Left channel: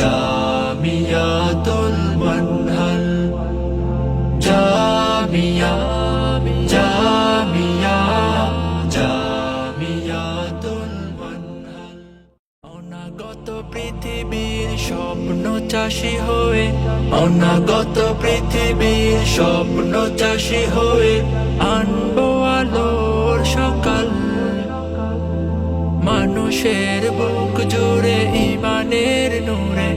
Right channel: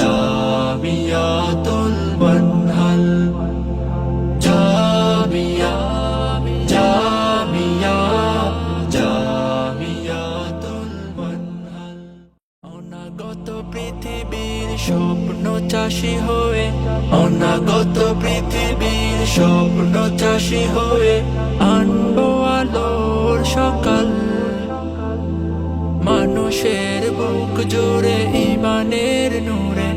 জামিয়াতুল মানহাল। জামিয়া জামিয়া, জামিয়াতুল মানহাল। অনাগত পৃথিবীর স্বপ্ন চাষী হয়ে, অনাগত পৃথিবীর স্বপ্ন চাষী হয়ে আনব আলোর সকাল। মানুষের বুক জুড়ে ইমানের নূরে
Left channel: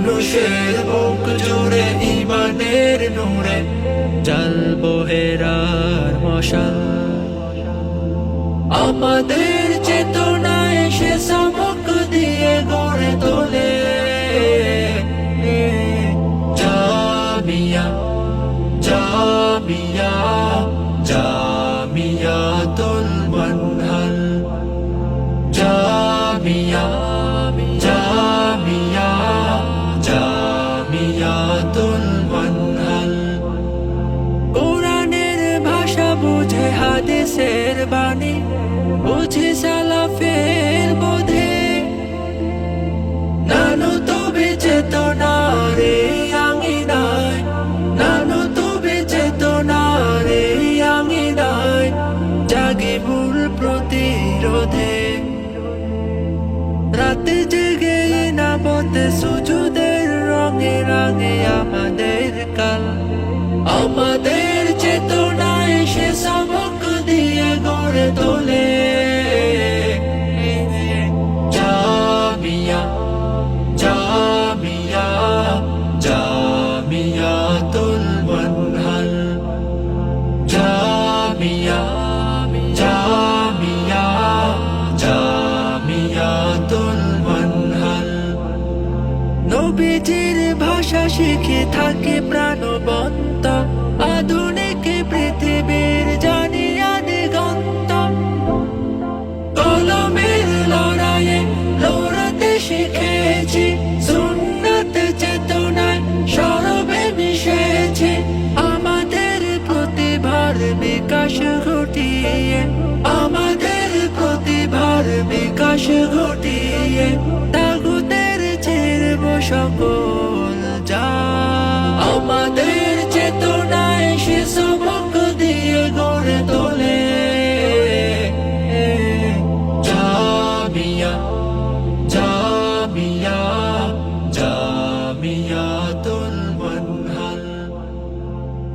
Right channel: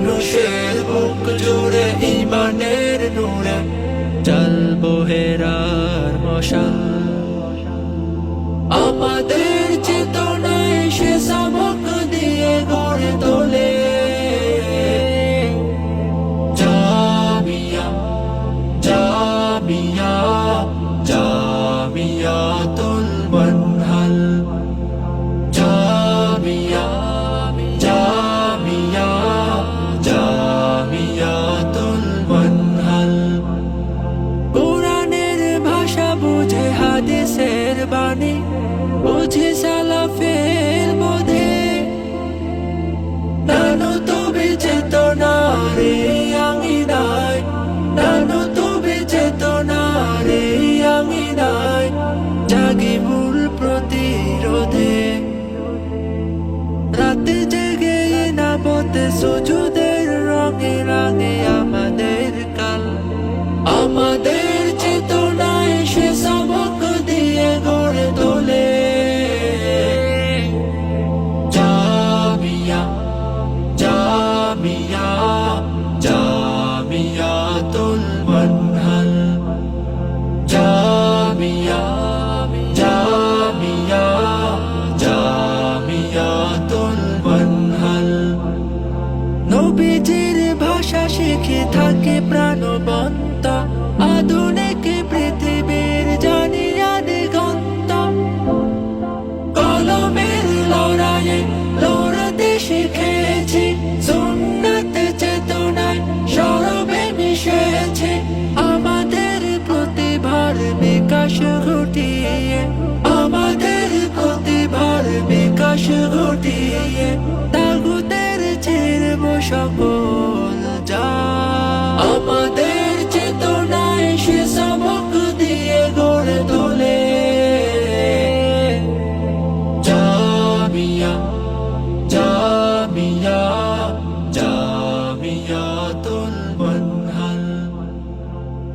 মানুষের বুক জুড়ে, ইমানের নূরে জ্বলবো হেরার মশাল। আমাদের চেতনায় সে সবক দিয়ে গড়ে তোলে। জামিয়া জামিয়া জামিয়াতুল মানহাল জামিয়া জামিয়া জামিয়াতুল মানহাল। কোরআনের ভাষা বুঝে, হাদিসের বাণী বুঝে, সালাফের বোধে। নানু তবে চেতনারে আঙিনায়, নানু তবে চেতনারে আঙিনায় জাগি ভুল প্রতিরোধে। রাতে জেগে না পথে সুজুদের রঙে রাঙে আমাদের কাল। আমাদের চেতনায় সে সবক দিয়ে গড়ে তোলে। জামিয়া জামিয়া জামিয়াতুল মানহাল জামিয়া জামিয়া নবীজির ভাষা শিখে থাকে প্রাণবন্ত। আধুনিক পৃথিবীর জানিয়া দিগন্ত কলমের লড়াইয়ে লড়তে শিখেছি, সুন্নত চেতনায় সরবে মিশেছে। আমাদের প্রতিভার বিকাশ ঘটিয়ে, আমাদের প্রতিভার বিকাশ ঘটিয়ে। সকল যা। আমাদের চেতনায় সে সবক দিয়ে গড়ে তোলে। জামিয়া জামিয়া জামিয়া তুল বন্ধল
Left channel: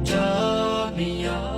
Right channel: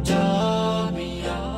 জামিয়া